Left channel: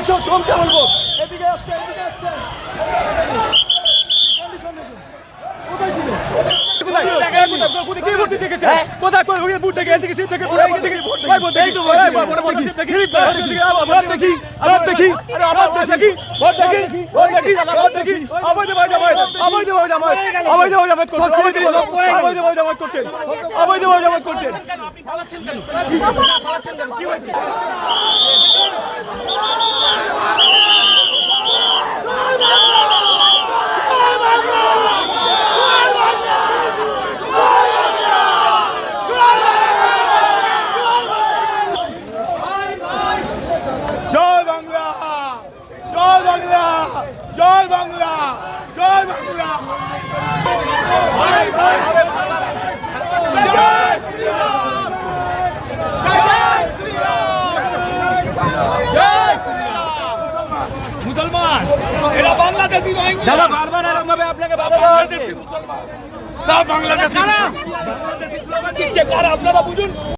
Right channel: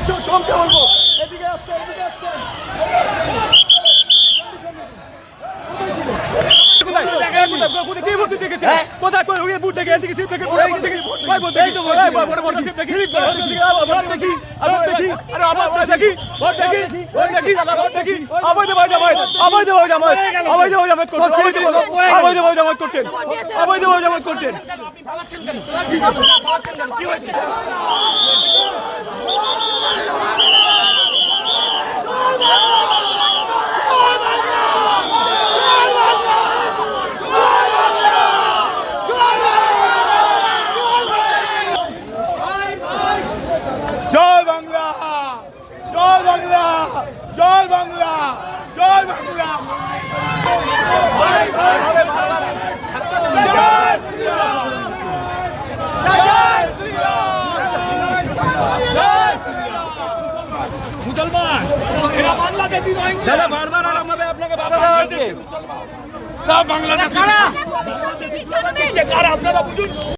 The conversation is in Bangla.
সমকে বলবো এদিকে আসতে এদিকে আসতে জয় বাংলা জয় বাংলা জয় বাংলা দাদা বারবার আপনাকে বাধা দেওয়া হচ্ছে সব বাংলাদেশি আপনারা বুঝুন।